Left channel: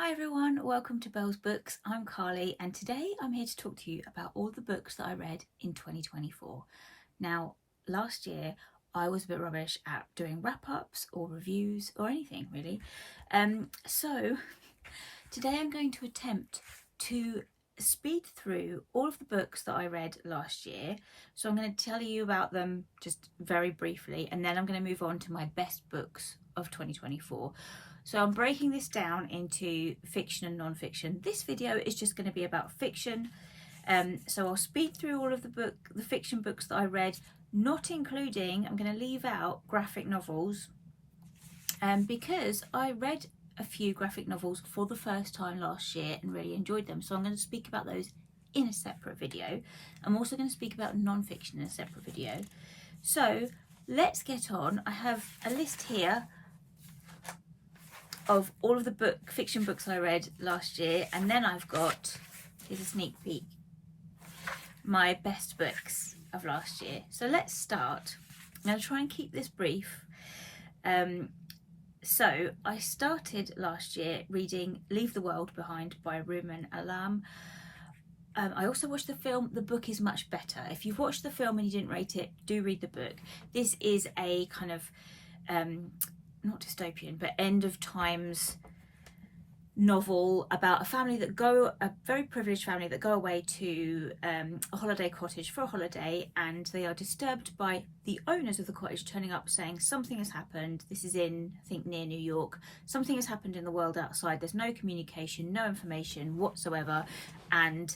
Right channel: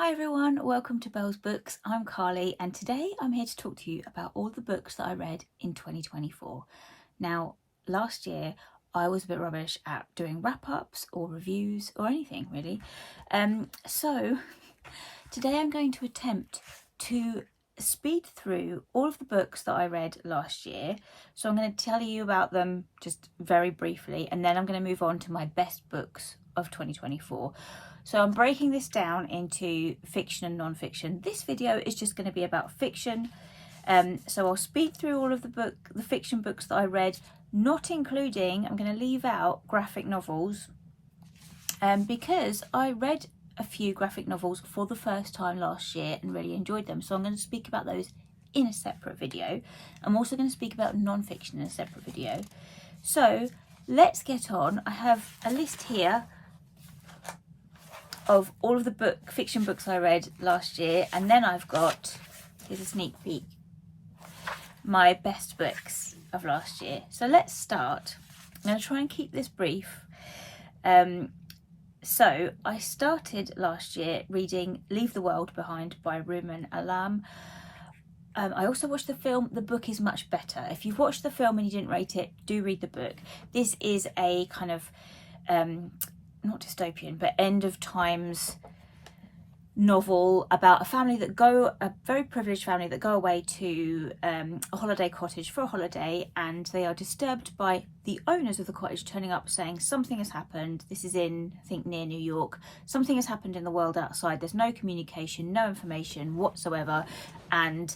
Hi everyone, welcome to Belle's Books. I'm Carly and today I'm here to talk to you about all the books that I read in 2024. Now, last year I was a bit rubbish at doing wrap-ups or reviews or anything really. So today I'm going to attempt to speed through all of the books that I read last year. So I'm going to tell you about them just very briefly and then I'm going to move on to my best books of 2024. So I'm breaking this down into fiction and non-fiction. This video is just going to be about fiction. So I'll speed through all of the fiction books that I read, not including, I'm going to leave out graphic novels, because I read a few graphic novels for the first time last year and really enjoyed them. So I'm going to speak about those in a separate video. I'm also going to speak about non-fiction in a separate video. So let's get on. I have a list here of all of the fiction books I read last year, and then I've got, here's a sneak peek, my best books of last year. So let's start. I'm going to try and keep this brief. So I started last year reading Leave the World Behind by Rumaan. I also watched the film. The book is much better. If you've watched the film and you didn't rate it, do read the book. This is a kind of not dystopian, but end of times novel about a very privileged family that go away to a holiday cottage for a holiday, and they are disturbed by the owners of the cottage turning up saying something has happened. This is in, I think, near New York. Something has happened in the world outside. There's no communication, no information whatsoever, and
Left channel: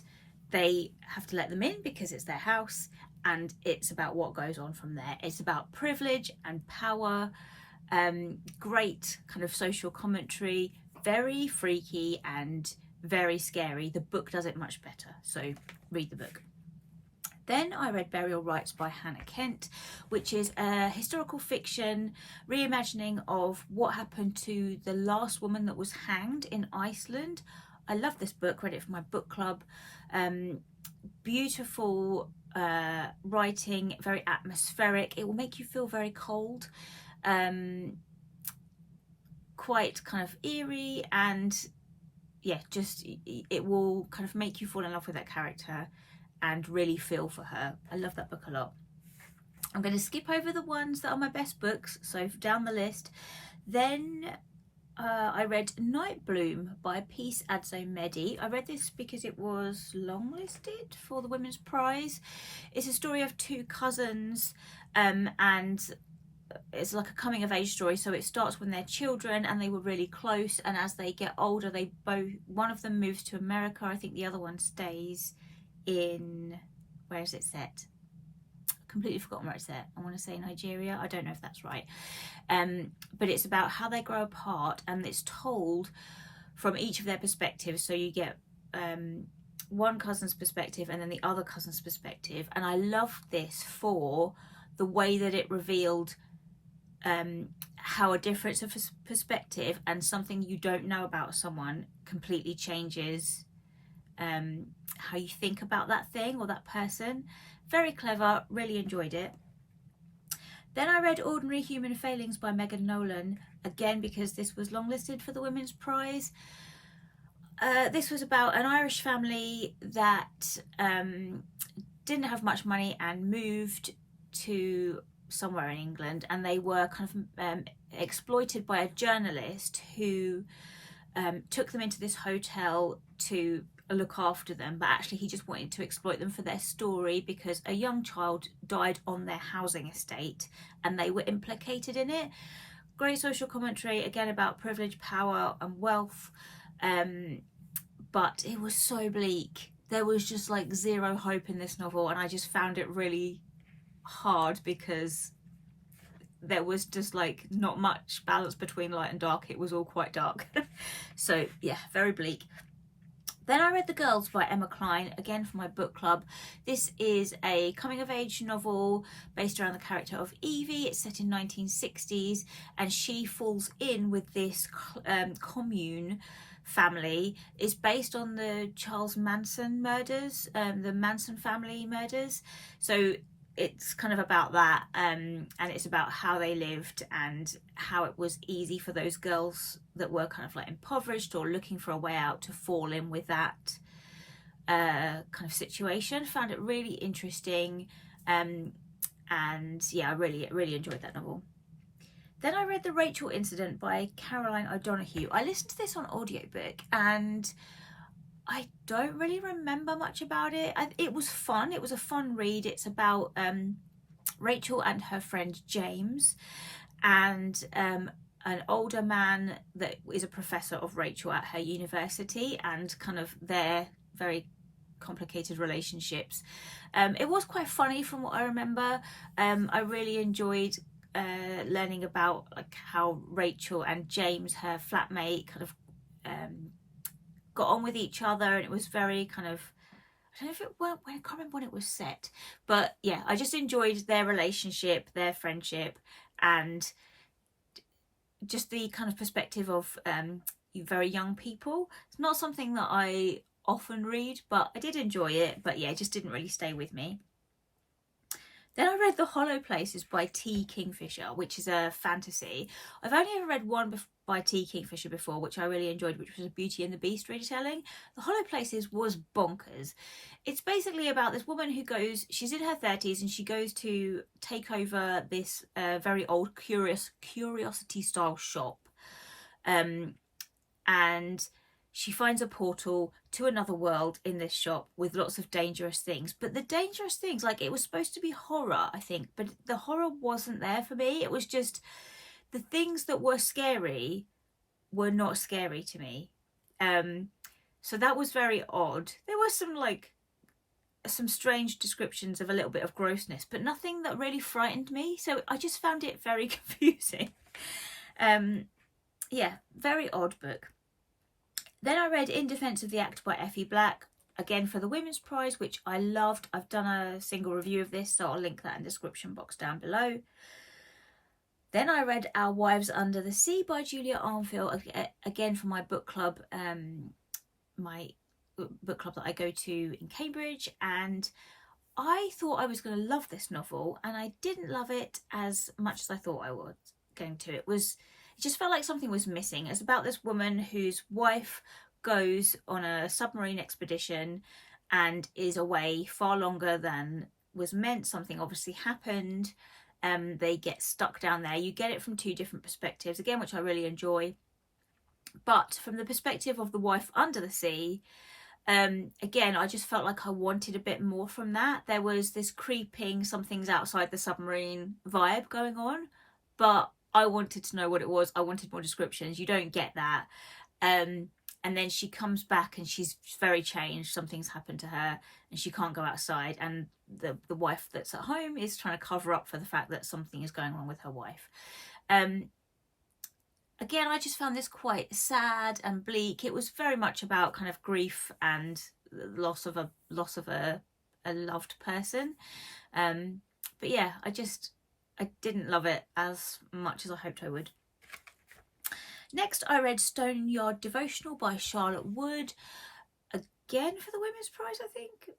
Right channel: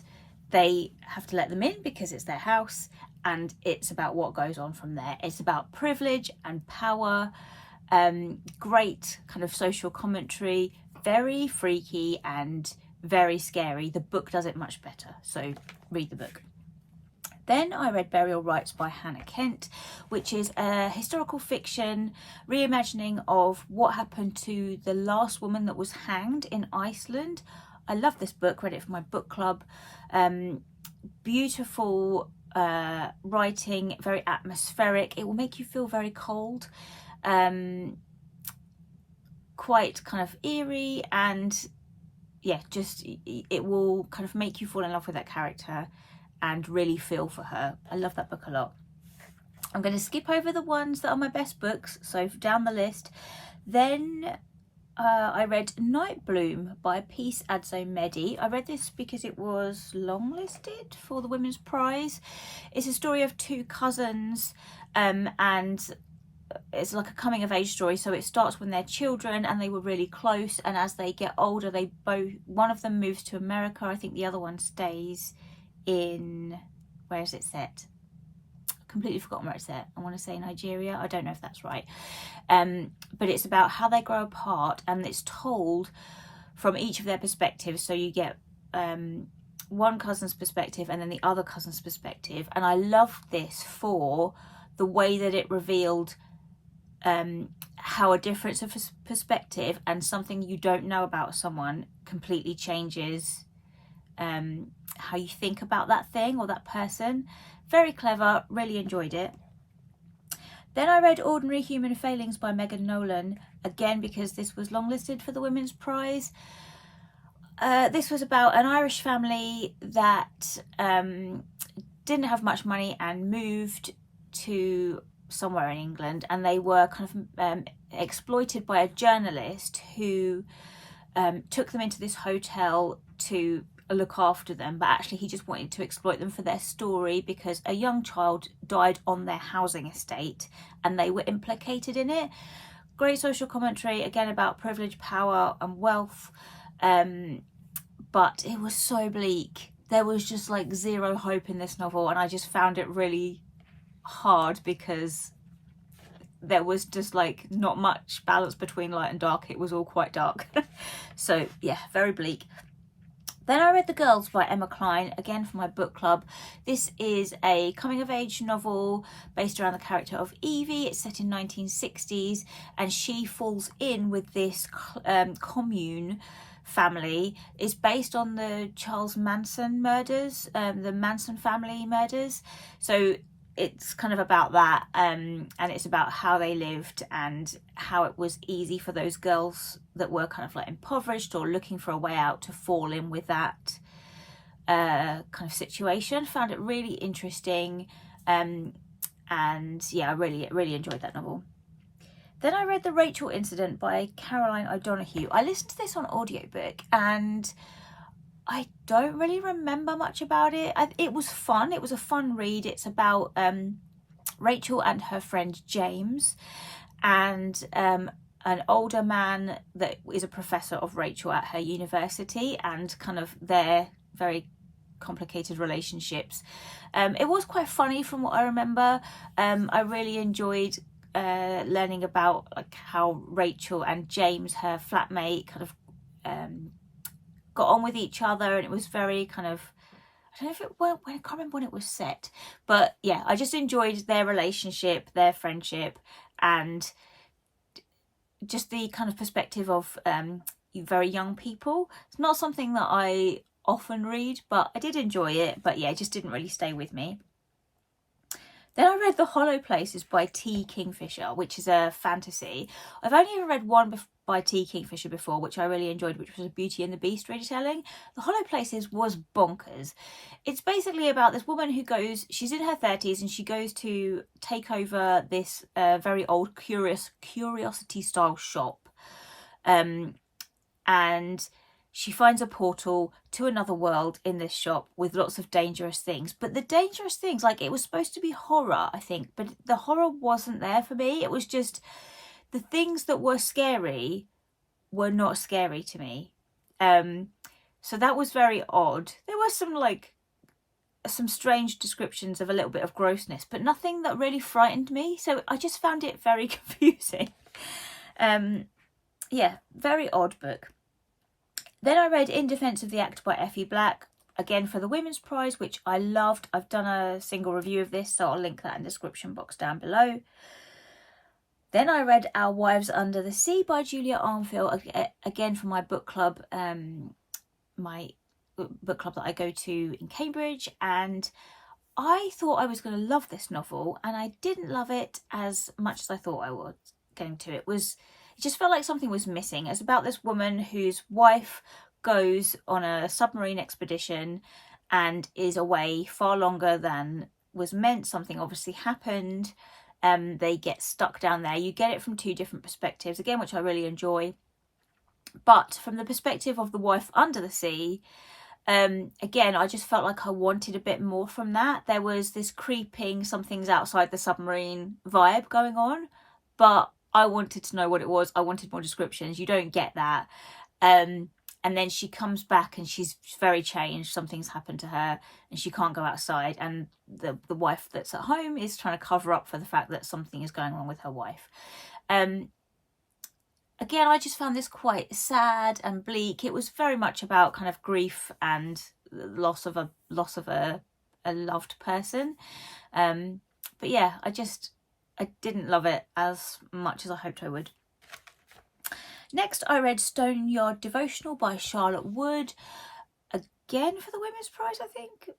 they have to let them in because it's their house, and it's about what goes on from there. It's about privilege and power. Great kind of social commentary, very freaky and very scary. The book does it much better, so read the book. Then I read Burial Rites by Hannah Kent, which is a historical fiction reimagining of what happened to the last woman that was hanged in Iceland. I love this book, read it for my book club. Beautiful writing, very atmospheric. It will make you feel very cold. Quite kind of eerie, and yeah, just it will kind of make you fall in love with that character and really feel for her. I love that book a lot. I'm going to skip over the ones that are my best books, so down the list. Then I read Nightbloom by Adzo Medie. I read this because it was longlisted for the Women's Prize. It's a story of two cousins, and it's like a coming of age story. So it starts when they're children and they were really close, and as they get older, one of them moves to America. I think the other one stays in, where is it set? Completely forgotten where it's set. I want to say Nigeria. I don't know if that's right. But it's about how they grow apart, and it's told from each of their perspectives. So you get one cousin's perspective and then the other cousin's perspective. And I loved this for the way that it revealed how a difference of perspective and something you don't know about someone completely changes how you think about that thing or that person. Very clever, really enjoyed it. Then I read Ordinary Human Failings by Nolan, again because this was longlisted for the Women's Prize. This was about an Irish family that didn't have much money and moved to somewhere in England, and they were kind of exploited by a journalist who took them into this hotel to look after them, but actually he just wanted to exploit them for their story because a young child died on their housing estate and they were implicated in it. Great social commentary, again about privilege, power and wealth, but it was so bleak. There was just like zero hope in this novel, and I just found it really hard because there was just like not much balance between light and dark. It was all quite dark. So yeah, very bleak. Then I read The Girls by Emma Cline, again for my book club. This is a coming of age novel based around the character of Evie. It's set in 1960s and she falls in with this commune family. It's based on the Charles Manson murders, the Manson family murders. So it's kind of about that, and it's about how they lived and how it was easy for those girls that were kind of like impoverished or looking for a way out to fall in with that kind of situation. Found it really interesting, and yeah, I really enjoyed that novel. Then I read The Rachel Incident by Caroline O'Donoghue. I listened to this on audiobook and I don't really remember much about it. It was fun. It was a fun read. It's about Rachel and her friend James, and an older man that is a professor of Rachel at her university, and kind of their very complicated relationships. It was quite funny from what I remember. I really enjoyed learning about like how Rachel and James, her flatmate, kind of got on with each other, and it was very kind of, I don't know if it went, I can't remember when it was set, but yeah, I just enjoyed their relationship, their friendship, and just the kind of perspective of very young people. It's not something that I often read, but I did enjoy it, but yeah, it just didn't really stay with me. Then I read The Hollow Places by T. Kingfisher, which is a fantasy. I've only ever read one by T. Kingfisher before, which I really enjoyed, which was a Beauty and the Beast retelling. The Hollow Places was bonkers. It's basically about this woman who goes, she's in her 30s, and she goes to take over this very old curiosity-style shop. And she finds a portal to another world in this shop with lots of dangerous things. But the dangerous things, like, it was supposed to be horror, I think, but the horror wasn't there for me. It was just the things that were scary were not scary to me. So that was very odd. There were some strange descriptions of a little bit of grossness, but nothing that really frightened me. So I just found it very confusing. Yeah, very odd book. Then I read In Defence of the Act by Effie Black, again for the Women's Prize, which I loved. I've done a single review of this, so I'll link that in the description box down below. Then I read Our Wives Under the Sea by Julia Armfield, again for my book club, my book club that I go to in Cambridge, and I thought I was going to love this novel, and I didn't love it as much as I thought I was going to. It just felt like something was missing. It's about this woman whose wife goes on a submarine expedition and is away far longer than was meant. Something obviously happened. They get stuck down there. You get it from two different perspectives, again, which I really enjoy. But from the perspective of the wife under the sea, again, I just felt like I wanted a bit more from that. There was this creeping, something's outside the submarine vibe going on, but I wanted to know what it was. I wanted more descriptions. You don't get that. And then she comes back and she's very changed. Something's happened to her and she can't go outside. And the wife that's at home is trying to cover up for the fact that something is going wrong with her wife. Again, I just found this quite sad and bleak. It was very much about kind of grief and loss of a loved person. But yeah, I didn't love it as much as I hoped I would. Next, I read Stoney Devotional by Charlotte Wood, again for the Women's Prize, I think.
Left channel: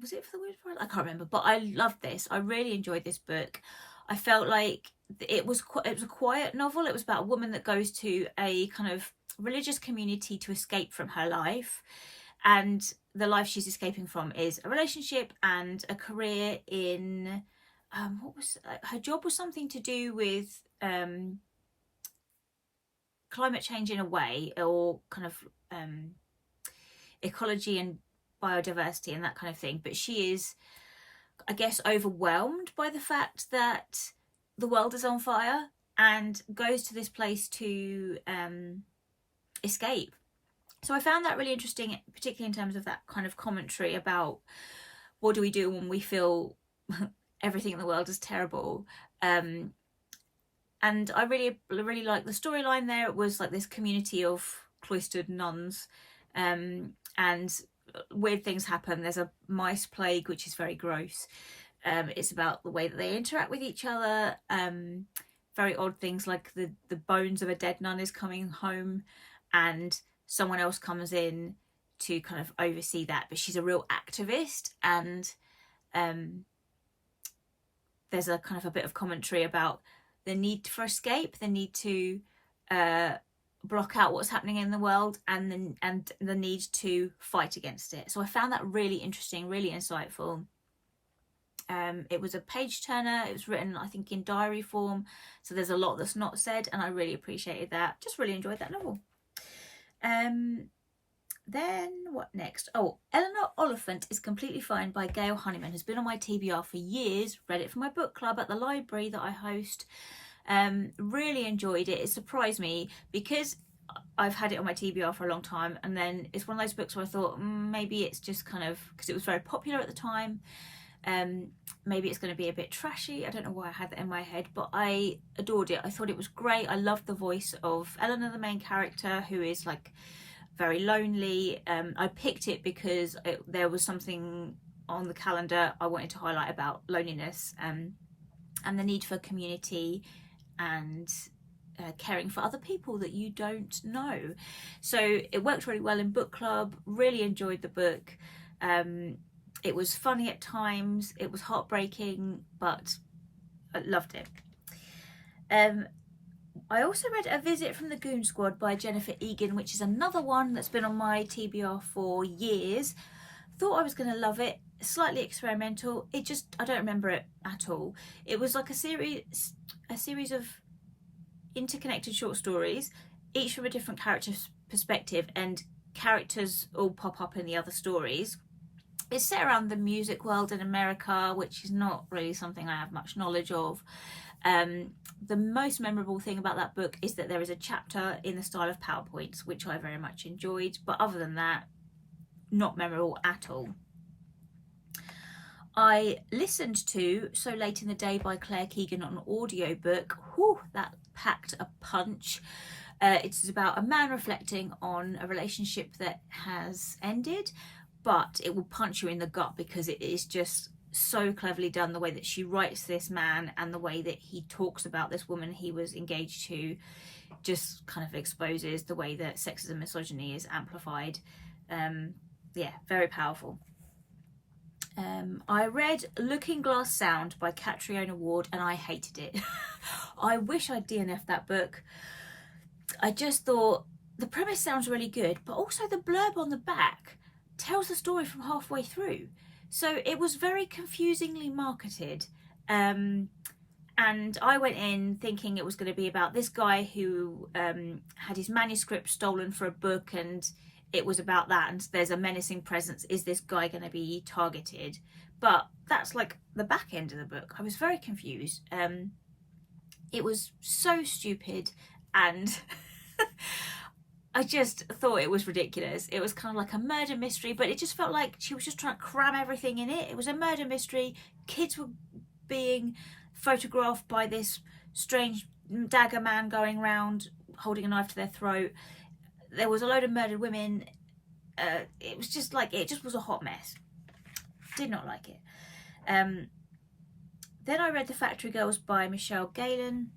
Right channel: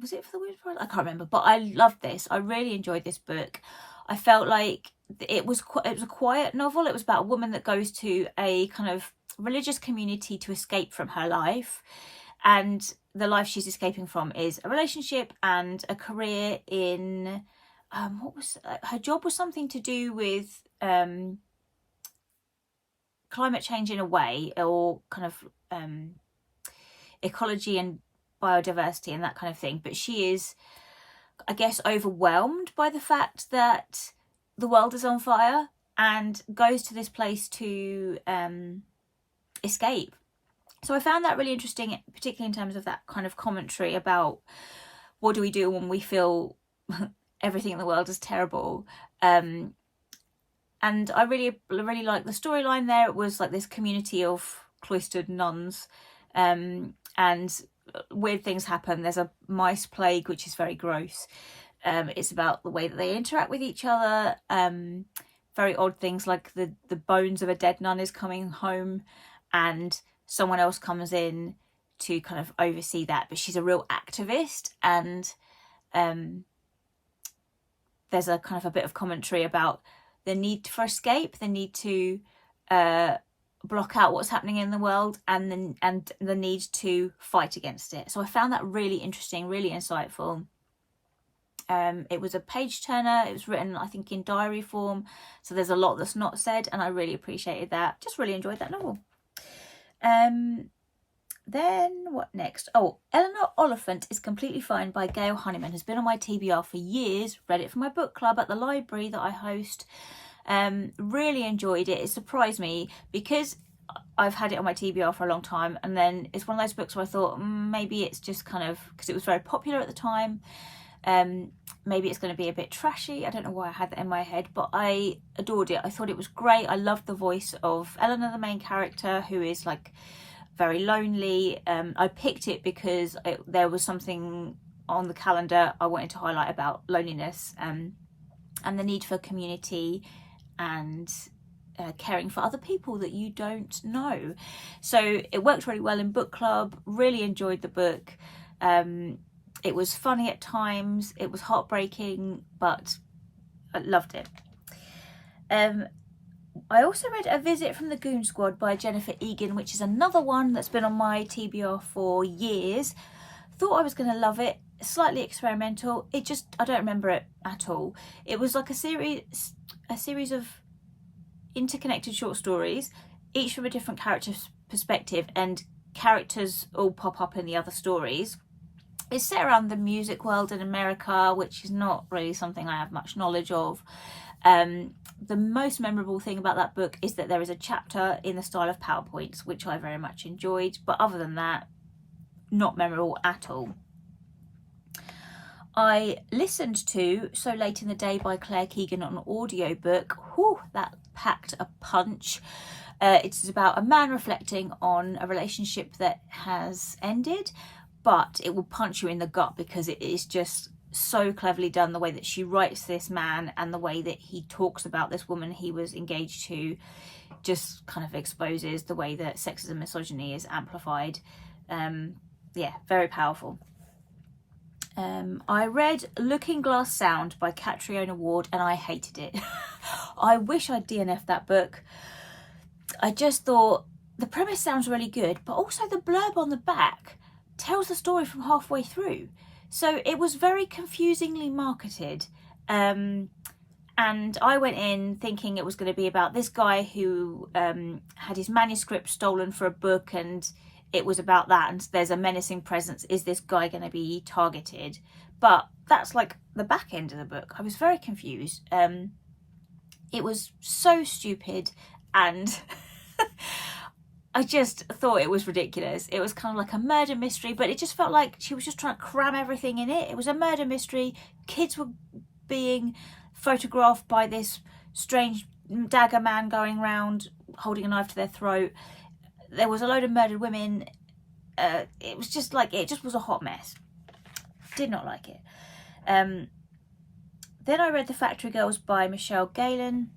Was it for the Women's Prize? I can't remember, but I loved this. I really enjoyed this book. I felt like it was a quiet novel. It was about a woman that goes to a kind of religious community to escape from her life, and the life she's escaping from is a relationship and a career in her job was something to do with climate change in a way, or kind of ecology and biodiversity and that kind of thing. But she is, I guess, overwhelmed by the fact that the world is on fire and goes to this place to escape. So I found that really interesting, particularly in terms of that kind of commentary about what do we do when we feel everything in the world is terrible. And I really liked the storyline there. It was like this community of cloistered nuns, and weird things happen. There's a mice plague, which is very gross. It's about the way that they interact with each other. Very odd things, like the bones of a dead nun is coming home and someone else comes in to kind of oversee that, but she's a real activist, and there's a kind of a bit of commentary about the need for escape, the need to block out what's happening in the world, and the need to fight against it. So I found that really interesting, really insightful. It was a page turner. It was written, I think, in diary form, so there's a lot that's not said, and I really appreciated that. Just really enjoyed that novel. Then what next? Oh, Eleanor Oliphant is Completely Fine by Gail Honeyman has been on my TBR for years. Read it for my book club at the library that I host. Really enjoyed it. It surprised me because I've had it on my TBR for a long time, and then it's one of those books where I thought maybe it's just kind of, because it was very popular at the time, maybe it's going to be a bit trashy. I don't know why I had that in my head, but I adored it. I thought it was great. I loved the voice of Eleanor, the main character, who is like very lonely. I picked it because there was something on the calendar I wanted to highlight about loneliness, and the need for community and caring for other people that you don't know. So it worked really well in book club. Really enjoyed the book. It was funny at times, it was heartbreaking, but I loved it. I also read A Visit from the Goon Squad by Jennifer Egan, which is another one that's been on my TBR for years. Thought I was going to love it. Slightly experimental. I don't remember it at all. It was like a series of interconnected short stories, each from a different character's perspective, and characters all pop up in the other stories. It's set around the music world in America, which is not really something I have much knowledge of. The most memorable thing about that book is that there is a chapter in the style of PowerPoints, which I very much enjoyed, but other than that, not memorable at all. I listened to So Late in the Day by Claire Keegan on an audiobook. Whew, that packed a punch. It's about a man reflecting on a relationship that has ended, but it will punch you in the gut because it is just so cleverly done. The way that she writes this man and the way that he talks about this woman he was engaged to just kind of exposes the way that sexism and misogyny is amplified. Yeah, very powerful. I read Looking Glass Sound by Catriona Ward and I hated it. I wish I'd DNF'd that book. I just thought the premise sounds really good, but also the blurb on the back tells the story from halfway through. So it was very confusingly marketed. And I went in thinking it was going to be about this guy who had his manuscript stolen for a book, and it was about that, and there's a menacing presence. Is this guy going to be targeted? But that's like the back end of the book. I was very confused. It was so stupid, and I just thought it was ridiculous. It was kind of like a murder mystery, but it just felt like she was just trying to cram everything in it. It was a murder mystery. Kids were being photographed by this strange dagger man going around holding a knife to their throat. There was a load of murdered women. It was just like, it just was a hot mess. Did not like it. Then I read The Factory Girls by Michelle Gallen,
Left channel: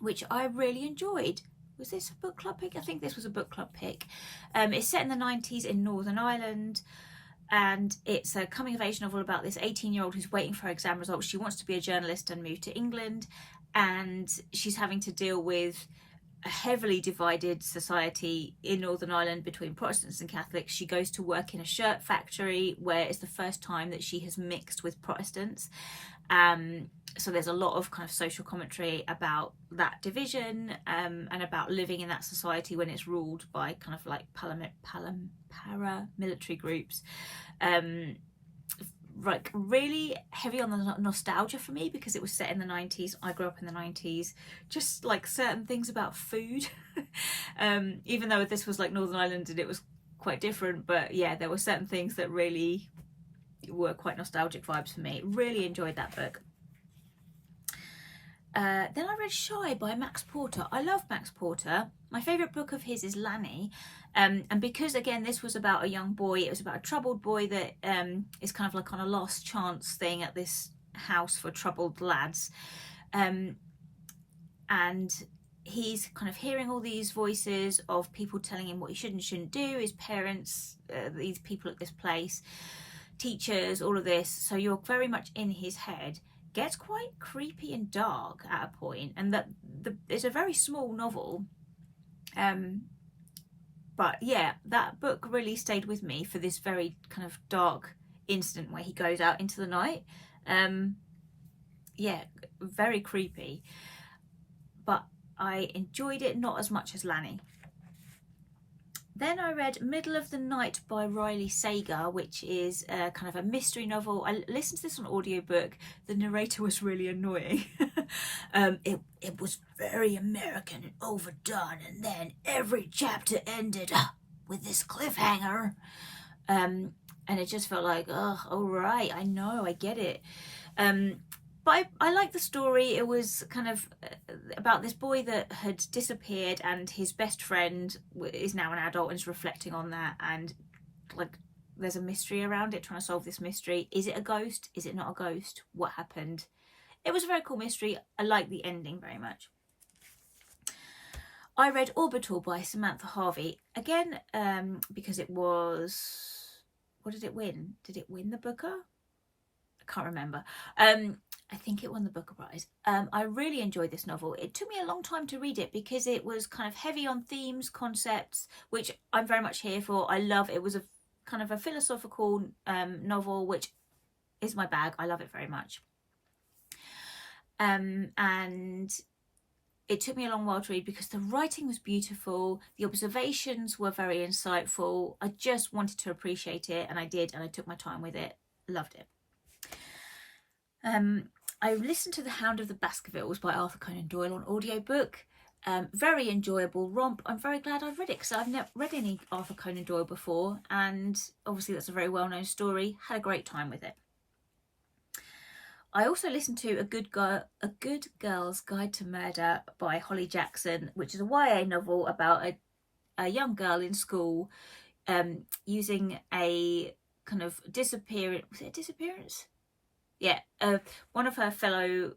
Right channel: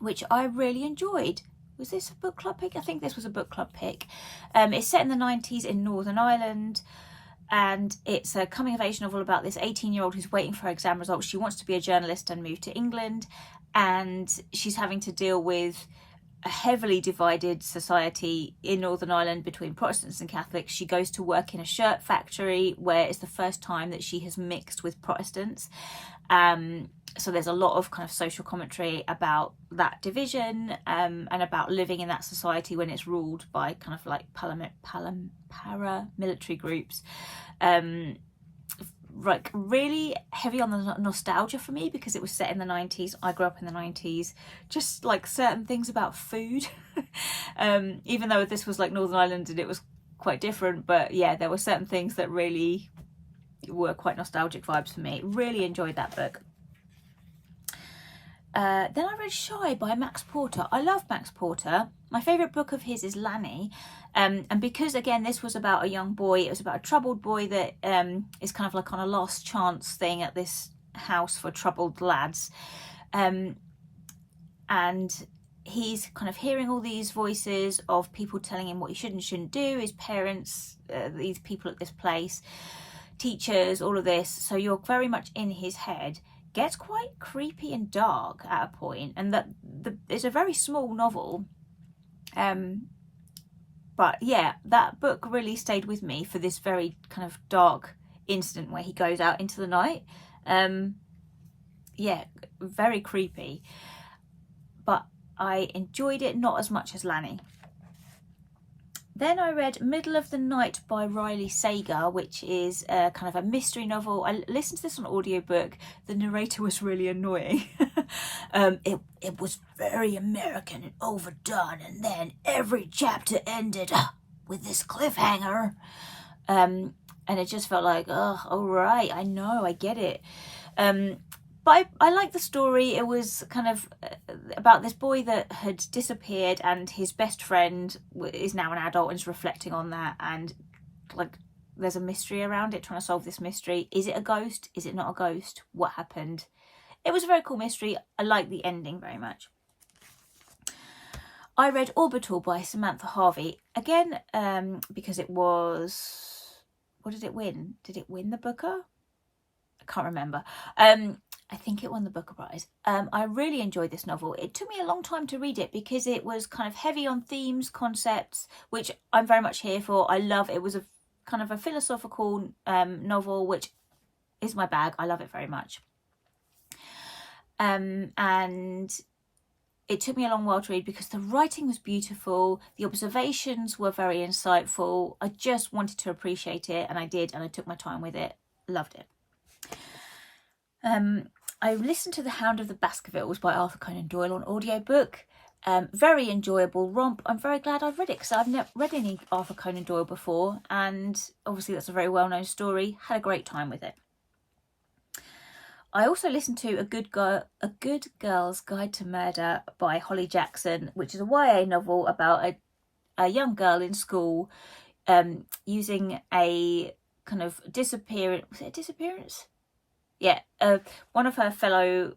which I really enjoyed. Was this a book club pick? I think this was a book club pick. It's set in the 90s in Northern Ireland, and it's a coming of age novel about this 18-year-old who's waiting for her exam results. She wants to be a journalist and move to England, and she's having to deal with a heavily divided society in Northern Ireland between Protestants and Catholics. She goes to work in a shirt factory where it's the first time that she has mixed with Protestants. So there's a lot of kind of social commentary about that division, and about living in that society when it's ruled by kind of like paramilitary groups. Like really heavy on the nostalgia for me because it was set in the 90s. I grew up in the 90s. Just like certain things about food, even though this was like Northern Ireland and it was quite different, but yeah, there were certain things that really were quite nostalgic vibes for me. Really enjoyed that book. Then I read Shy by Max Porter. I love Max Porter. My favourite book of his is Lanny. And because, again, this was about a young boy, it was about a troubled boy that is kind of like on a last chance thing at this house for troubled lads. And he's kind of hearing all these voices of people telling him what he should and shouldn't do, his parents, these people at this place, teachers, all of this. So you're very much in his head. gets quite creepy and dark at a point, and that it's a very small novel. But yeah, that book really stayed with me for this very kind of dark incident where he goes out into the night. Yeah, very creepy. But I enjoyed it not as much as Lanny. Then I read Middle of the Night by Riley Sager, which is a kind of a mystery novel. I listened to this on audiobook. The narrator was really annoying. It was very American and overdone, and then every chapter ended with this cliffhanger. And it just felt like, oh, all right, I know, I get it. But I liked the story. It was kind of about this boy that had disappeared, and his best friend is now an adult and is reflecting on that, and like there's a mystery around it, trying to solve this mystery. Is it a ghost? Is it not a ghost? What happened? It was a very cool mystery. I liked the ending very much. I read Orbital by Samantha Harvey, again, because it was, what did it win? Did it win the Booker? I can't remember. I think it won the Booker Prize. I really enjoyed this novel. It took me a long time to read it because it was kind of heavy on themes, concepts, which I'm very much here for. I love it. It was a kind of a philosophical novel, which is my bag. I love it very much. And it took me a long while to read because the writing was beautiful. The observations were very insightful. I just wanted to appreciate it, and I did, and I took my time with it. Loved it. I listened to The Hound of the Baskervilles by Arthur Conan Doyle on audiobook. Very enjoyable romp. I'm very glad I've read it because I've never read any Arthur Conan Doyle before, and obviously that's a very well-known story. Had a great time with it. I also listened to A Good Girl's Guide to Murder by Holly Jackson, which is a YA novel about a young girl in school using a kind of disappearance. Was it a disappearance? Yeah, one of her fellow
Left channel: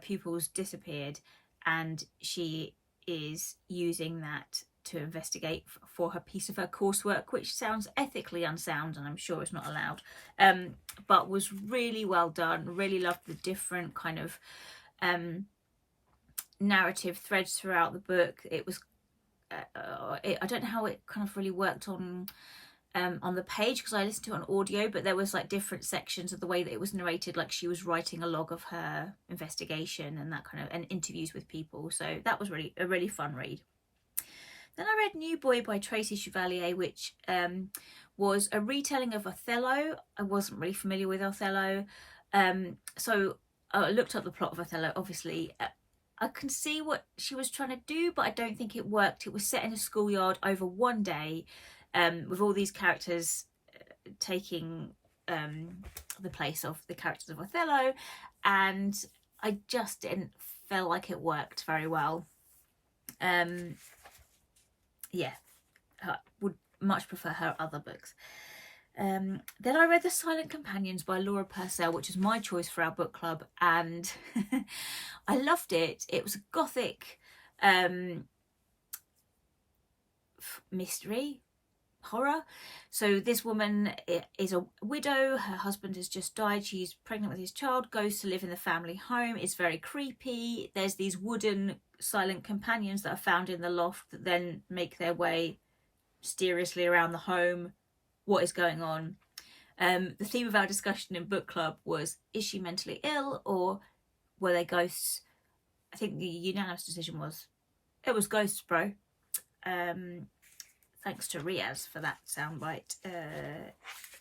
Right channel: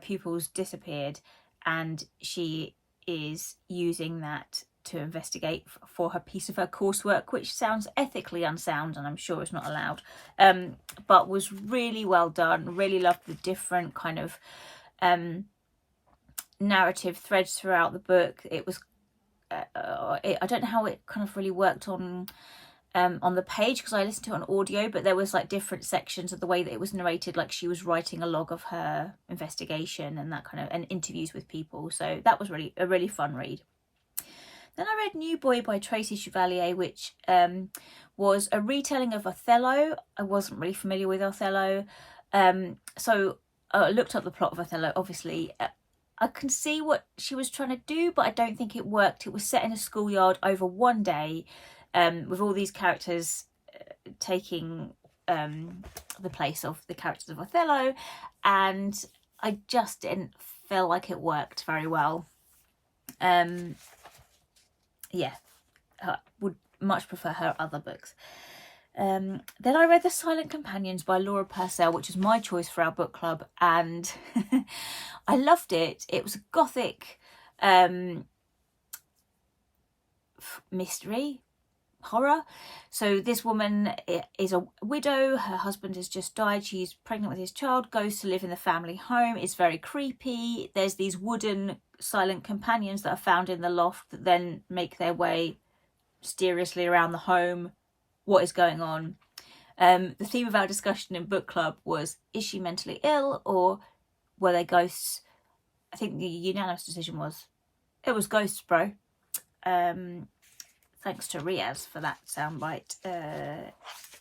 pupils disappeared, and she is using that to investigate for her piece of her coursework, which sounds ethically unsound, and I'm sure it's not allowed, but was really well done. Really loved the different kind of narrative threads throughout the book. It was, I don't know how it kind of really worked on the page because I listened to it on audio, but there was like different sections of the way that it was narrated, like she was writing a log of her investigation and that kind of, and interviews with people. So that was really a really fun read. Then I read New Boy by Tracy Chevalier, which was a retelling of Othello. I wasn't really familiar with Othello, so I looked up the plot of Othello. Obviously, I can see what she was trying to do, but I don't think it worked. It was set in a schoolyard over one day, with all these characters taking the place of the characters of Othello, and I just didn't feel like it worked very well. Yeah, I would much prefer her other books. Then I read The Silent Companions by Laura Purcell, which is my choice for our book club, and I loved it. It was a gothic mystery, horror. So this woman is a widow, her husband has just died, she's pregnant with his child, goes to live in the family home. It's very creepy. There's these wooden silent companions that are found in the loft that then make their way mysteriously around the home. What is going on? The theme of our discussion in book club was, is she mentally ill or were they ghosts? I think the unanimous decision was, it was ghosts, bro. Thanks to Riaz for that soundbite.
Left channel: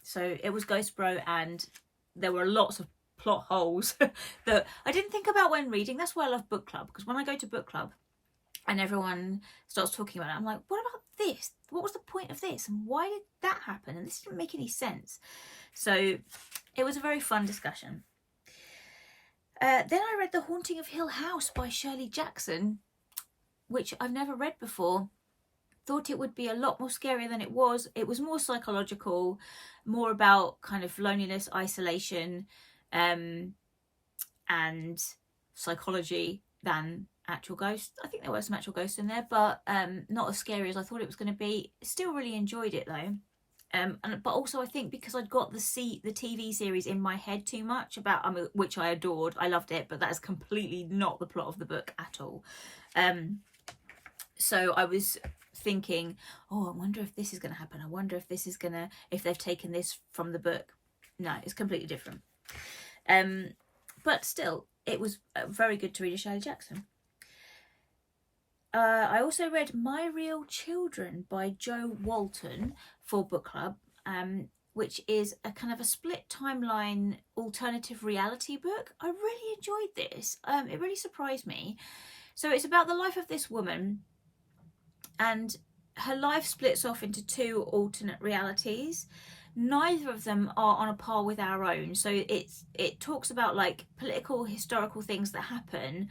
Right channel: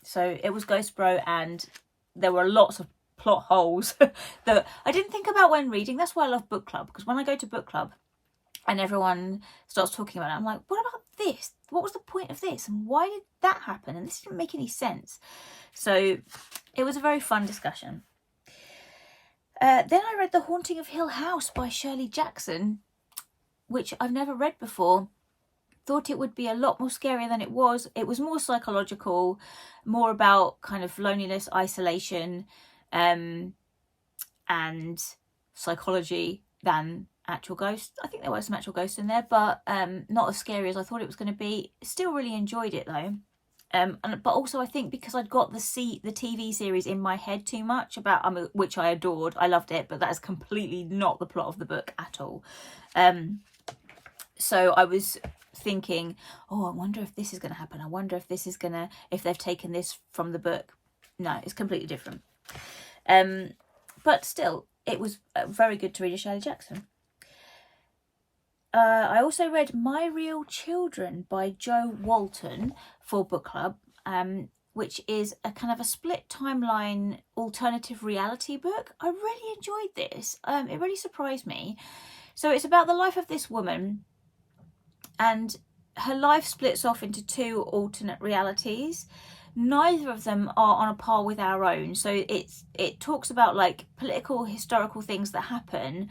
So it was Ghost Bro, and there were lots of plot holes that I didn't think about when reading. That's why I love book club, because when I go to book club and everyone starts talking about it, I'm like, what about this? What was the point of this? And why did that happen? And this didn't make any sense. So it was a very fun discussion. Then I read The Haunting of Hill House by Shirley Jackson, which I've never read before. Thought it would be a lot more scary than it was. It was more psychological, more about kind of loneliness, isolation, and psychology than actual ghosts. I think there were some actual ghosts in there, but not as scary as I thought it was going to be. Still really enjoyed it though. But also I think because I'd got the TV series in my head too much about, which I adored, I loved it, but that is completely not the plot of the book at all. So I was thinking, oh, I wonder if this is going to happen. I wonder if this is if they've taken this from the book. No, it's completely different. But still, it was very good to read a Shirley Jackson. I also read My Real Children by Jo Walton for book club, which is a kind of a split timeline alternative reality book. I really enjoyed this. It really surprised me. So it's about the life of this woman, and her life splits off into two alternate realities. Neither of them are on a par with our own. So it talks about like political, historical things that happen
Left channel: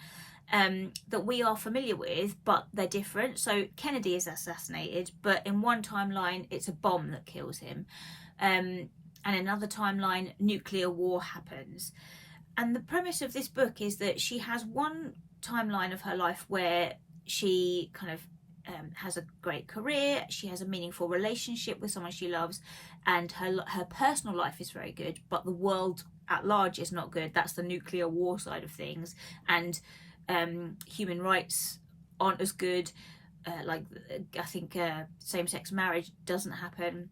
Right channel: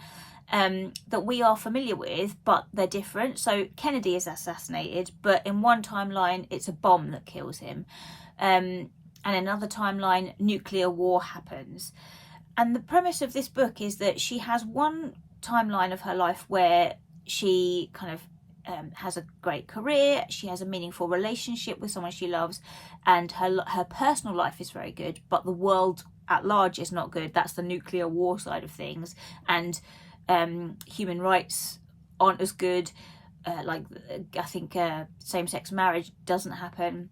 that we are familiar with, but they're different. So Kennedy is assassinated, but in one timeline it's a bomb that kills him, and another timeline nuclear war happens. And the premise of this book is that she has one timeline of her life where she kind of has a great career, she has a meaningful relationship with someone she loves, and her personal life is very good, but the world at large is not good. That's the nuclear war side of things, and human rights aren't as good. Like I think same-sex marriage doesn't happen.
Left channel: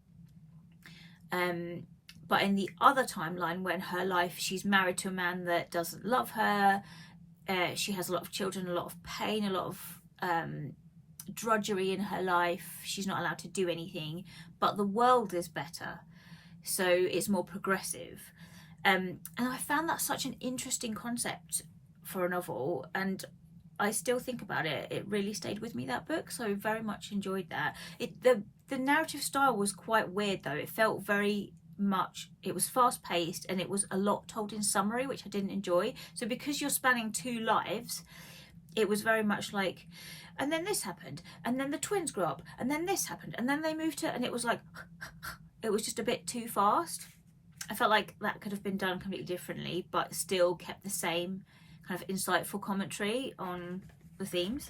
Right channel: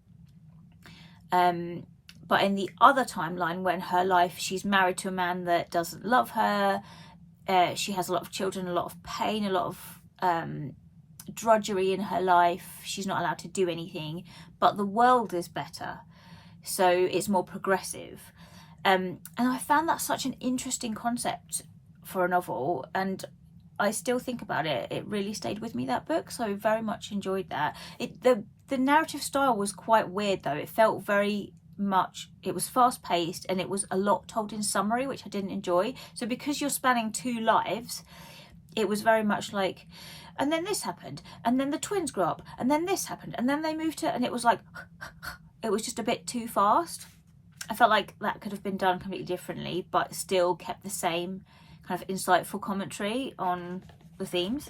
But in the other timeline, when her life, she's married to a man that doesn't love her, she has a lot of children, a lot of pain, a lot of drudgery in her life. She's not allowed to do anything, but the world is better, so it's more progressive. And I found that such an interesting concept for a novel, and I still think about it. It really stayed with me, that book, so very much enjoyed that. The narrative style was quite weird though. It felt very much, it was fast paced, and it was a lot told in summary, which I didn't enjoy. So because you're spanning two lives, it was very much like, and then this happened, and then the twins grew up, and then this happened, and then they moved to, and it was like, it was just a bit too fast. I felt like that could have been done completely differently, but still kept the same kind of insightful commentary on the themes.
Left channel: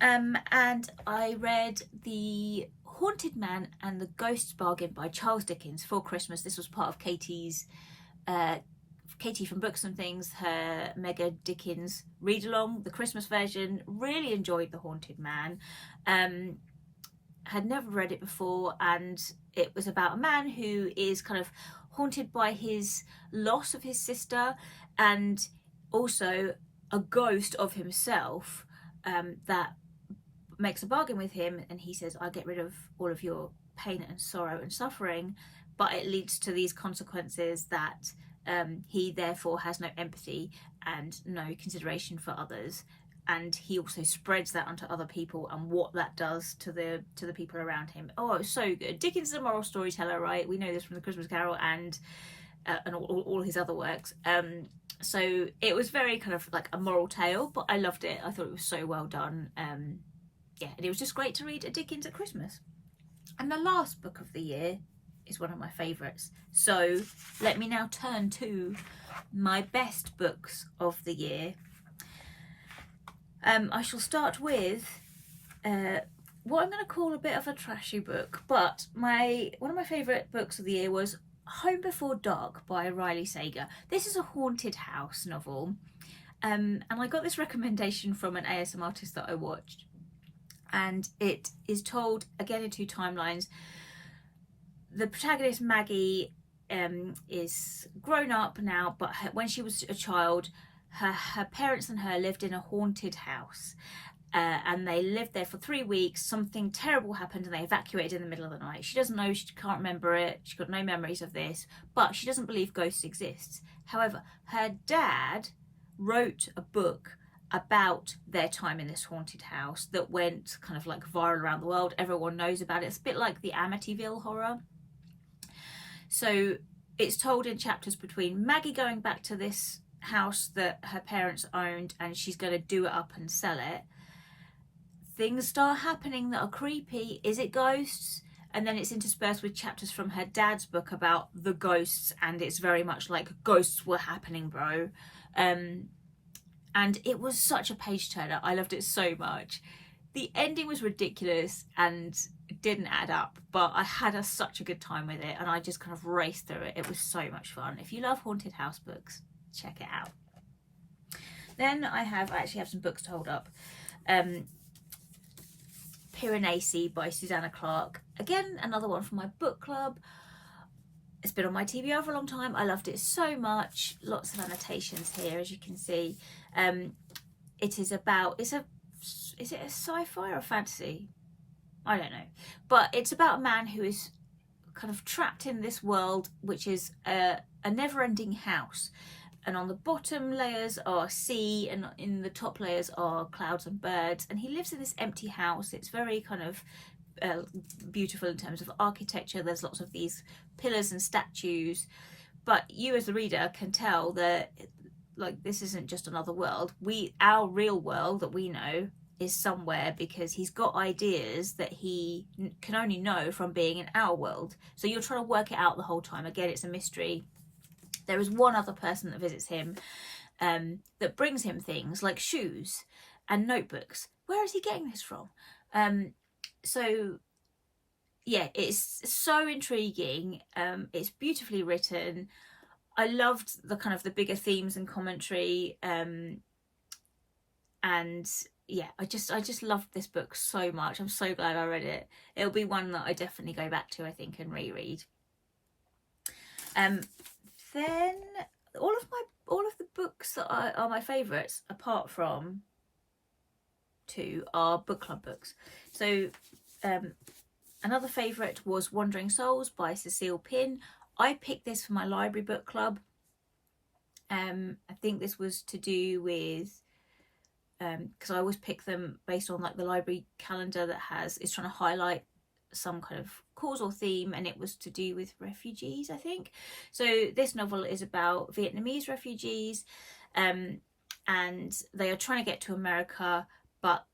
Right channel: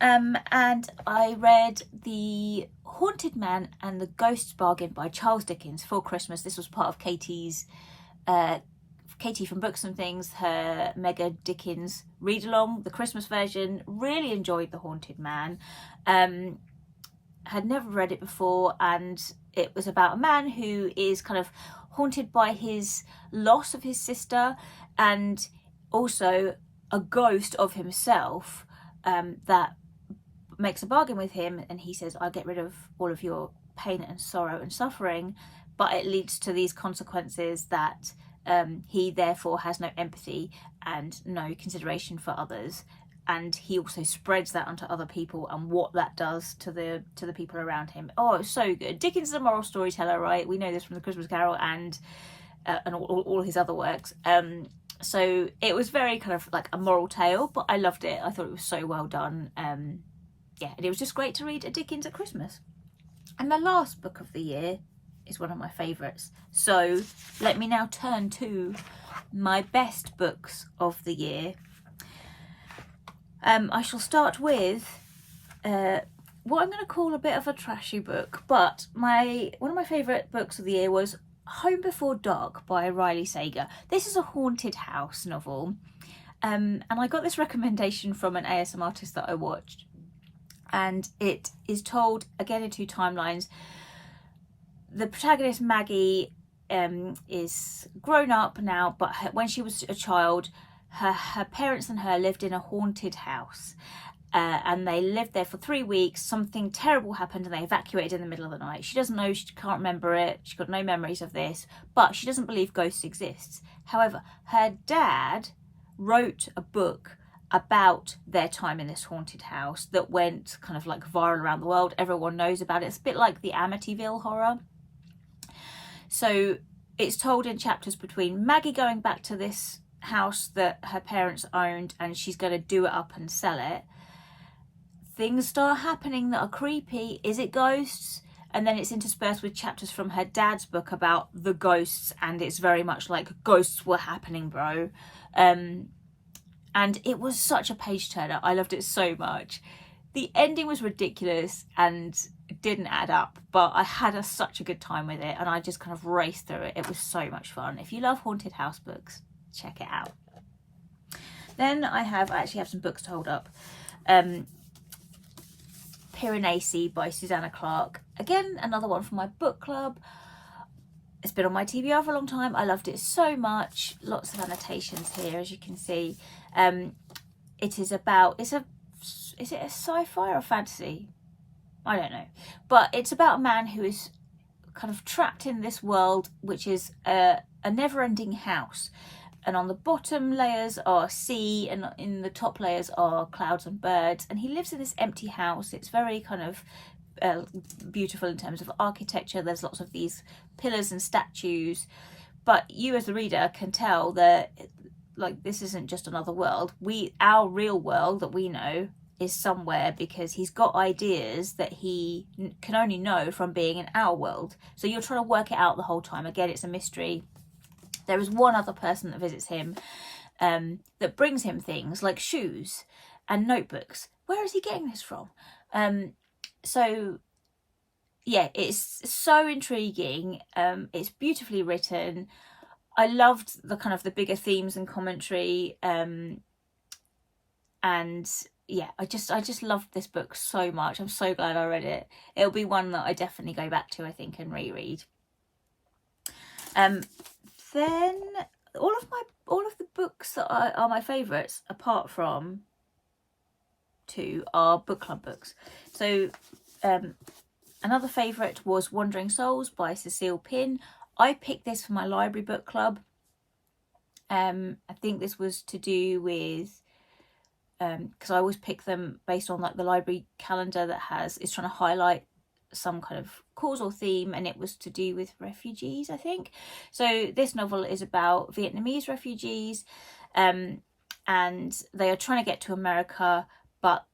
And I read The Haunted Man and the Ghost's Bargain by Charles Dickens for Christmas. This was part of Katie from Books and Things, her Mega Dickens read along, the Christmas version. Really enjoyed The Haunted Man. Had never read it before, and it was about a man who is kind of haunted by his loss of his sister, and also a ghost of himself that makes a bargain with him, and he says, I'll get rid of all of your pain and sorrow and suffering, but it leads to these consequences that he therefore has no empathy and no consideration for others, and he also spreads that onto other people and what that does to the people around him. Oh, it's so good. Dickens is a moral storyteller, right? We know this from The Christmas Carol and all his other works. So it was very kind of like a moral tale, but I loved it. I thought it was so well done. Yeah, and it was just great to read a Dickens at Christmas. And the last book of the year is one of my favourites. So let me now turn to my best books of the year. I shall start with what I'm going to call a bit of a trashy book, but one of my favourite books of the year was Home Before Dark by Riley Sager. This is a haunted house novel, and I got this recommendation from an ASM artist that I watched, and it is told again in two timelines. The protagonist Maggie is grown up now, but when she was a child, her parents and her lived in a haunted house, and they lived there for 3 weeks. Something terrible happened and they evacuated in the middle of the night. She doesn't know, she can't remember it, she's got no memories of this, but she doesn't believe ghosts exist. However, her dad wrote a book about their time in this haunted house that went kind of like viral around the world. Everyone knows about it. It's a bit like the Amityville horror. So it's told in chapters between Maggie going back to this house that her parents owned, and she's going to do it up and sell it. Things start happening that are creepy. Is it ghosts? And then it's interspersed with chapters from her dad's book about the ghosts, and it's very much like ghosts were happening, bro. And it was such a page turner. I loved it so much. The ending was ridiculous and it didn't add up, but I had such a good time with it, and I just kind of raced through it. It was so much fun. If you love haunted house books, check it out. Then I actually have some books to hold up. Pirinac by Susanna Clarke. Again, another one from my book club. It's been on my TBR for a long time. I loved it so much. Lots of annotations here, as you can see. It is about, is it a sci-fi or a fantasy? I don't know. But it's about a man who is kind of trapped in this world, which is a never-ending house. And on the bottom layers are sea, and in the top layers are clouds and birds. And he lives in this empty house. It's very kind of beautiful in terms of architecture. There's lots of these pillars and statues. But you as the reader can tell that, like, this isn't just another world. Our real world that we know is somewhere, because he's got ideas that he can only know from being in our world. So you're trying to work it out the whole time. Again, it's a mystery. There is one other person that visits him that brings him things like shoes and notebooks. Where is he getting this from? So yeah, it's so intriguing. It's beautifully written. I loved the kind of the bigger themes and commentary. And yeah, I just loved this book so much. I'm so glad I read it. It'll be one that I definitely go back to, I think, and reread. Then all of the books that are my favourites, apart from 2, are book club books. So another favourite was Wandering Souls by Cecile Pinn. I picked this for my library book club. I think this was to do with because I always pick them based on like the library calendar that is trying to highlight some kind of cause or theme, and it was to do with refugees, I think. So this novel is about Vietnamese refugees, and they are trying to get to America, but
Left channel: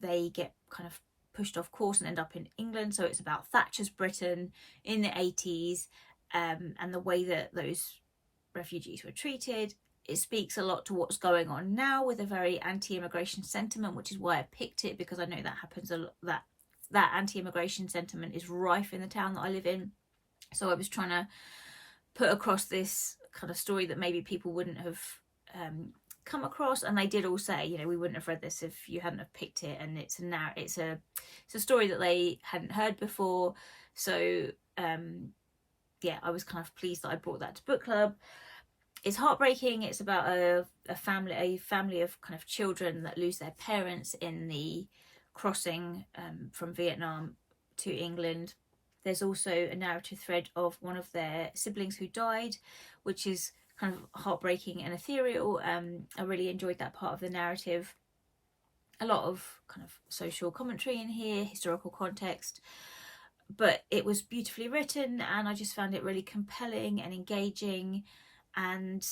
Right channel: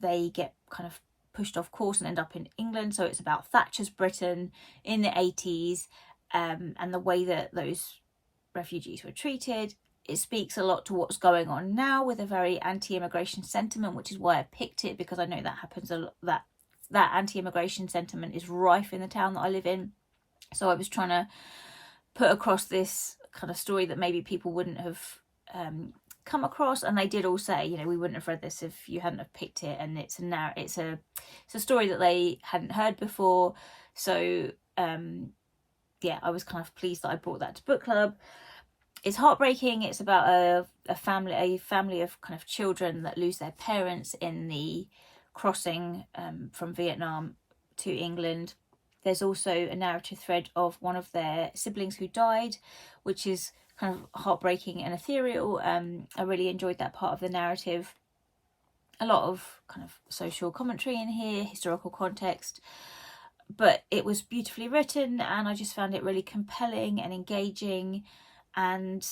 they get kind of pushed off course and end up in England. So it's about Thatcher's Britain in the 80s, and the way that those refugees were treated. It speaks a lot to what's going on now with a very anti-immigration sentiment, which is why I picked it, because I know that happens a lot, that anti-immigration sentiment is rife in the town that I live in. So I was trying to put across this kind of story that maybe people wouldn't have come across, and they did all say, you know, we wouldn't have read this if you hadn't have picked it, and it's a story that they hadn't heard before. So yeah, I was kind of pleased that I brought that to book club. It's heartbreaking. It's about a family of kind of children that lose their parents in the crossing from Vietnam to England. There's also a narrative thread of one of their siblings who died, which is kind of heartbreaking and ethereal. I really enjoyed that part of the narrative. A lot of kind of social commentary in here, historical context, but it was beautifully written, and I just found it really compelling and engaging. And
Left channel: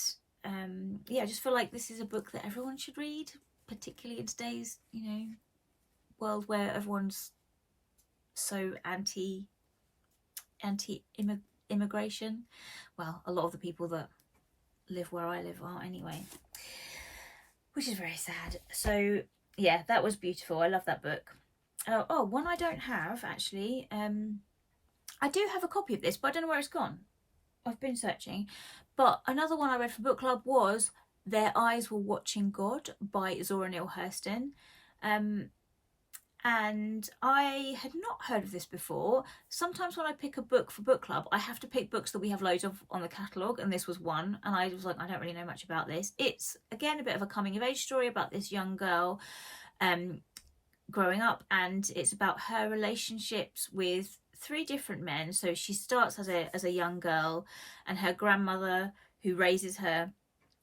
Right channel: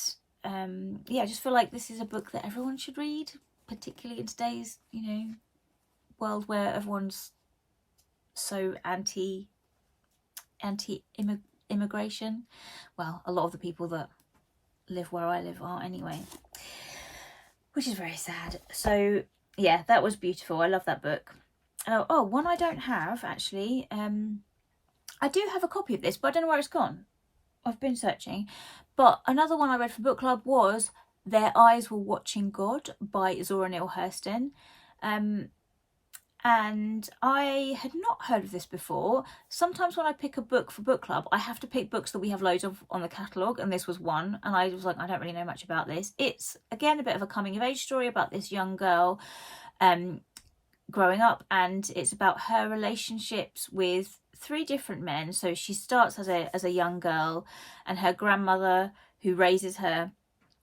yeah, I just feel like this is a book that everyone should read, particularly in today's, you know, world where everyone's so anti-immigration. Well, a lot of the people that live where I live are anyway, which is very sad. So yeah, that was beautiful. I love that book. Oh, one I don't have actually. I do have a copy of this, but I don't know where it's gone. I've been searching. But another one I read for book club was Their Eyes Were Watching God by Zora Neale Hurston. And I had not heard of this before. Sometimes when I pick a book for book club, I have to pick books that we have loads of on the catalogue, and this was one. And I was like, I don't really know much about this. It's, again, a bit of a coming-of-age story about this young girl growing up, and it's about her relationships with 3 different men. So she starts as a young girl, and her grandmother, who raises her,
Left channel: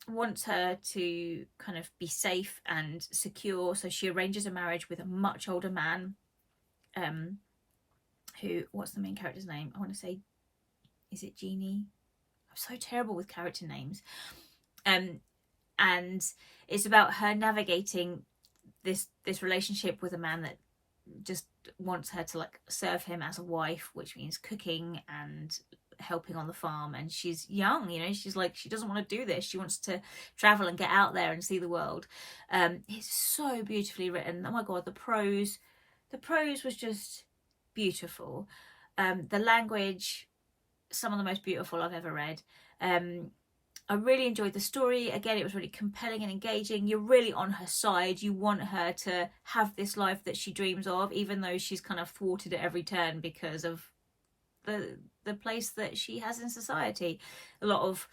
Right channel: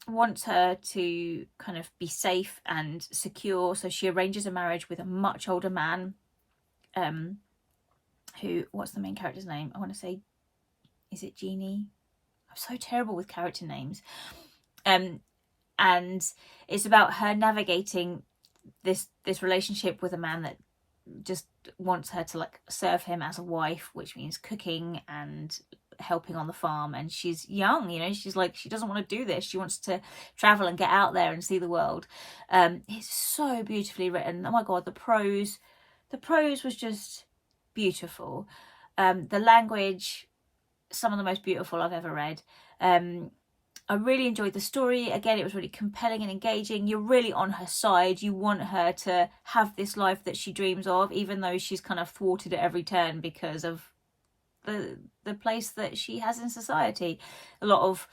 wants her to kind of be safe and secure, so she arranges a marriage with a much older man, who, what's the main character's name? I want to say, is it Jeannie? I'm so terrible with character names. And it's about her navigating this relationship with a man that just wants her to like serve him as a wife, which means cooking and helping on the farm. And she's young, you know, she's like, she doesn't want to do this, she wants to travel and get out there and see the world. It's so beautifully written. Oh my god, the prose was just beautiful. The language, some of the most beautiful I've ever read. I really enjoyed the story. Again, it was really compelling and engaging. You're really on her side. You want her to have this life that she dreams of, even though she's kind of thwarted at every turn because of the place that she has in society. A lot of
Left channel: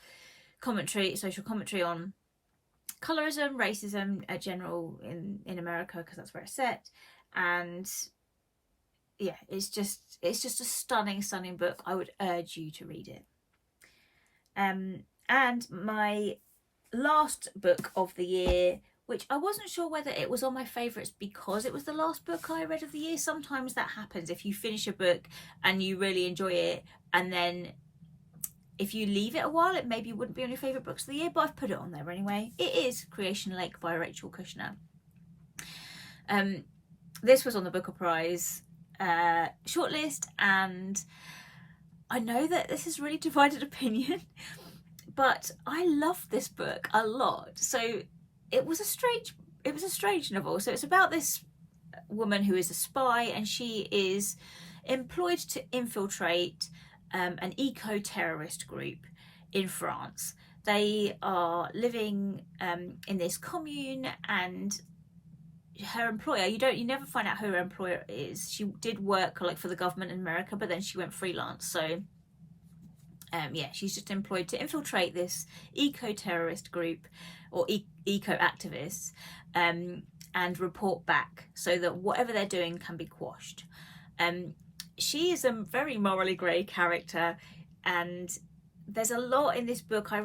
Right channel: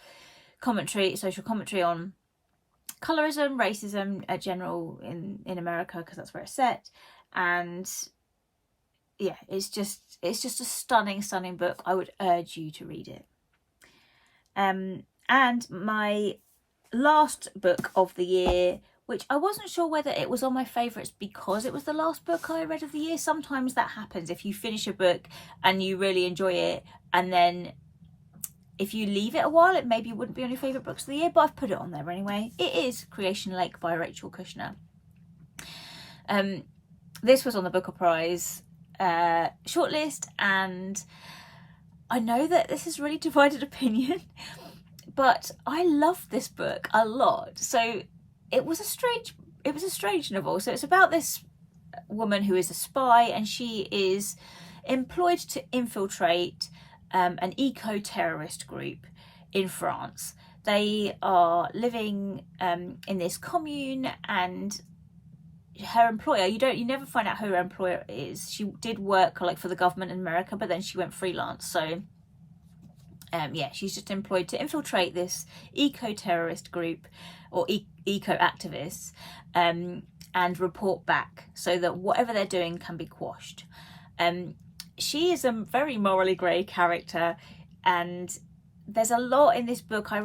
commentary, social commentary on colorism, racism, general in America, because that's where it's set. And yeah, it's just a stunning book. I would urge you to read it. And my last book of the year, which I wasn't sure whether it was on my favourites because it was the last book I read of the year. Sometimes that happens if you finish a book and you really enjoy it, and then if you leave it a while, it maybe wouldn't be on your favourite books of the year, but I've put it on there anyway. It is Creation Lake by Rachel Kushner. This was on the Booker Prize shortlist, and I know that this is really divided opinion, but I loved this book a lot. So it was a strange novel. So it's about this woman who is a spy, and she is employed to infiltrate an eco-terrorist group in France. They are living in this commune, and her employer, you never find out who her employer is. She did work like for the government in America, but then she went freelance. So yeah, she's just employed to infiltrate this eco-terrorist group or eco-activists and report back so that whatever they're doing can be quashed. She is a very morally grey character, and there's a lot in this book. I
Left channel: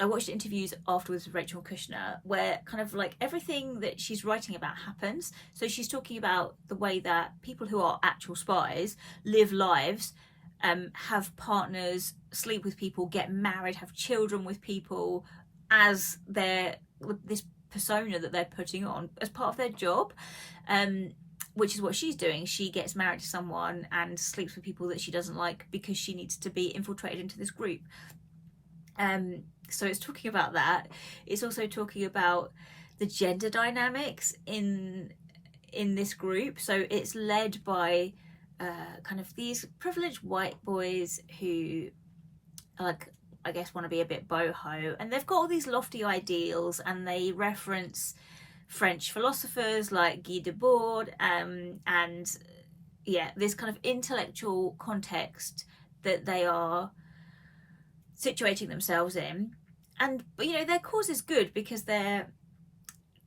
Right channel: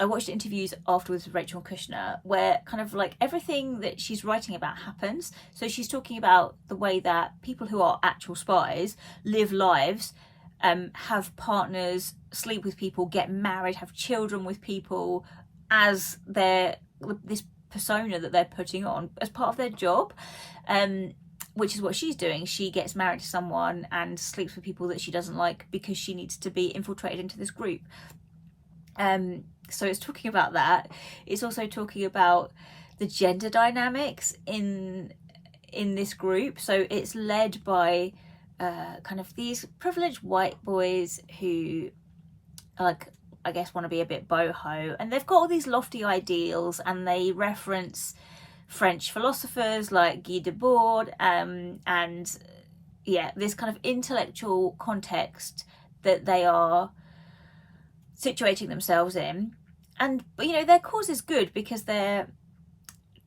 watched interviews afterwards with Rachel Kushner where kind of like everything that she's writing about happens. So she's talking about the way that people who are actual spies live lives, have partners, sleep with people, get married, have children with people as this persona that they're putting on as part of their job, which is what she's doing. She gets married to someone and sleeps with people that she doesn't like because she needs to be infiltrated into this group. So it's talking about that. It's also talking about the gender dynamics in this group. So it's led by kind of these privileged white boys who, like, I guess want to be a bit boho, and they've got all these lofty ideals, and they reference French philosophers like Guy Debord, and yeah, this kind of intellectual context that they are situating themselves in. And you know, their cause is good because they're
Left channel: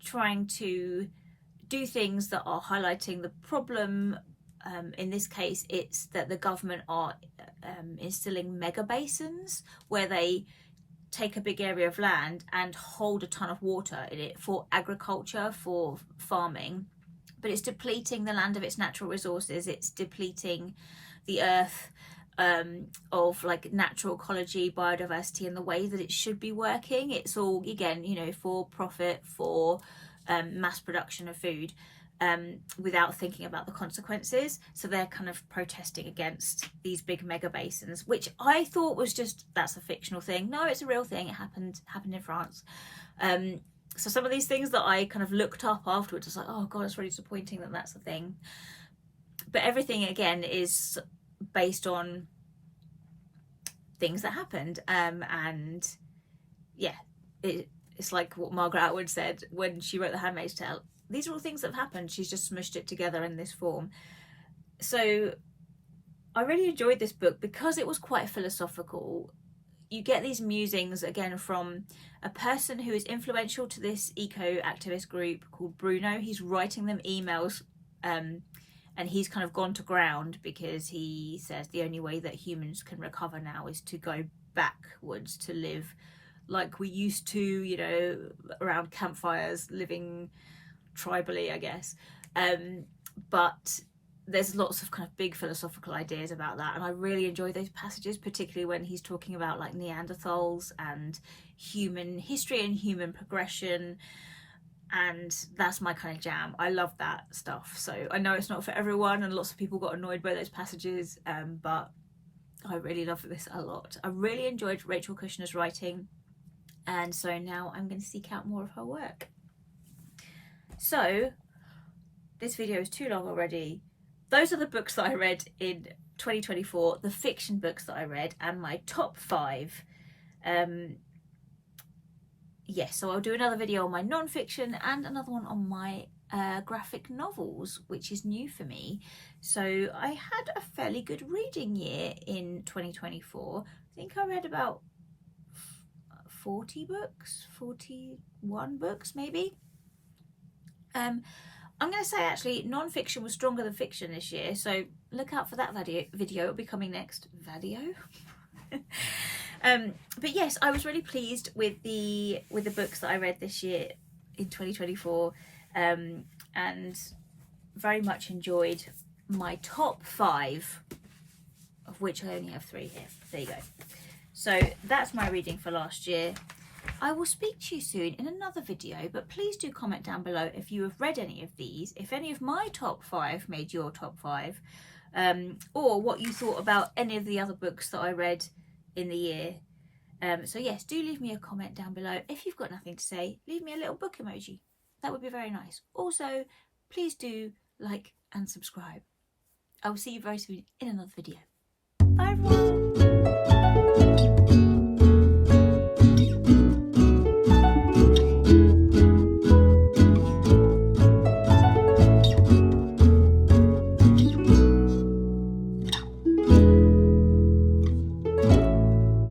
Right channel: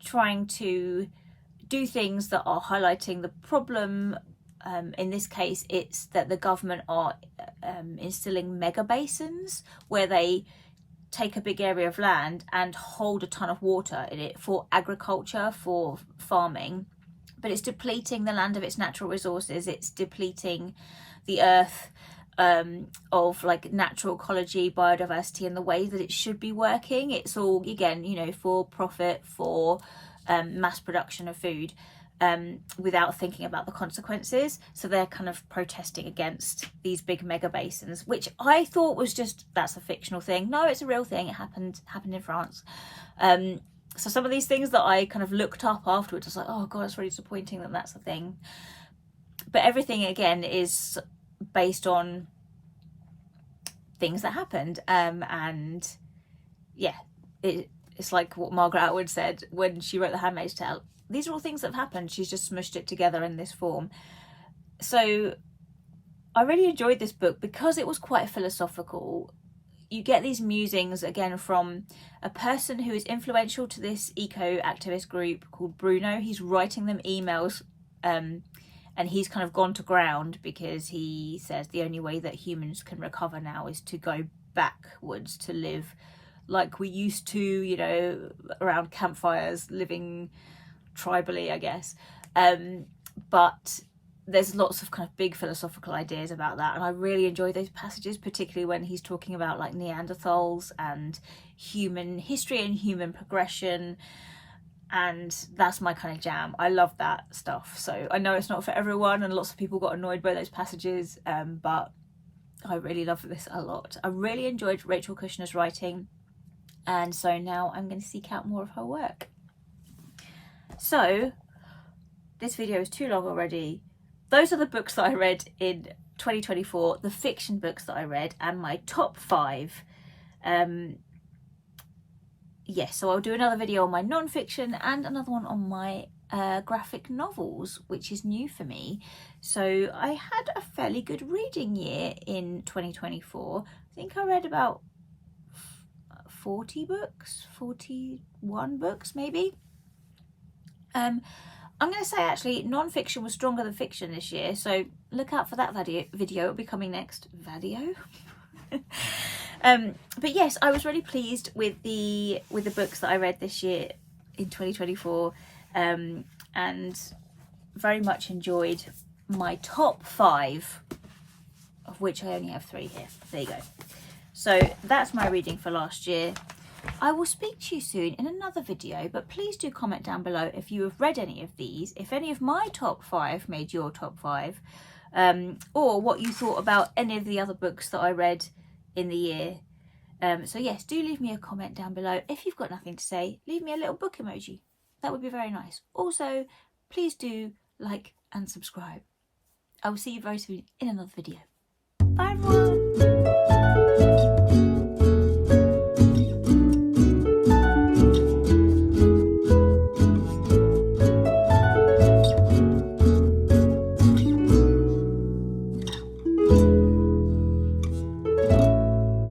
trying to do things that are highlighting the problem. In this case, it's that the government are instilling mega basins where they take a big area of land and hold a ton of water in it for agriculture, for farming, but it's depleting the land of its natural resources. It's depleting the earth of like natural ecology, biodiversity, and the way that it should be working. It's all, again, you know, for profit, for mass production of food, without thinking about the consequences. So they're kind of protesting against these big mega basins, which I thought was just, that's a fictional thing. No, it's a real thing. It happened in France. So some of these things that I kind of looked up afterwards, I was like, oh god, it's really disappointing that that's a thing. But everything again is based on things that happened, and yeah, it's like what Margaret Atwood said when she wrote The Handmaid's Tale. These are all things that have happened. She's just smushed it together in this form. So I really enjoyed this book because it was quite philosophical. You get these musings again from a person who is influential to this eco-activist group called Bruno. He's writing them emails, and he's kind of gone to ground because he says the only way that humans can recover now is to go backwards, to live like we used to, you know, around campfires, living tribally, I guess. But there's lots of kind of big philosophical ideas about that, and I really enjoy those passages, particularly when he's talking about like Neanderthals and human history and human progression, and that's my kind of jam. I love that stuff. So I know it's not for everyone, and lots of people got annoyed by those passages, but I really love this a lot. I really enjoyed Rachel Kushner's writing, and so now I'm going to seek out more of her work. So this video is too long already. those are the books that I read in 2024, the fiction books that I read, and my top 5. Yes, so I'll do another video on my non-fiction and another one on my graphic novels, which is new for me. So I had a fairly good reading year in 2024. I think I read about 40 books, 41 books maybe. I'm going to say actually non-fiction was stronger than fiction this year, so look out for that video. It'll be coming next. But yes, I was really pleased with the books that I read this year in 2024, and very much enjoyed my top 5, of which I only have 3 here. There you go. So that's my reading for last year. I will speak to you soon in another video, but please do comment down below if you have read any of these, if any of my top 5 made your top 5, or what you thought about any of the other books that I read in the year. So yes, do leave me a comment down below. If you've got nothing to say, leave me a little book emoji. That would be very nice. Also, please do like and subscribe. I will see you very soon in another video. Bye everyone!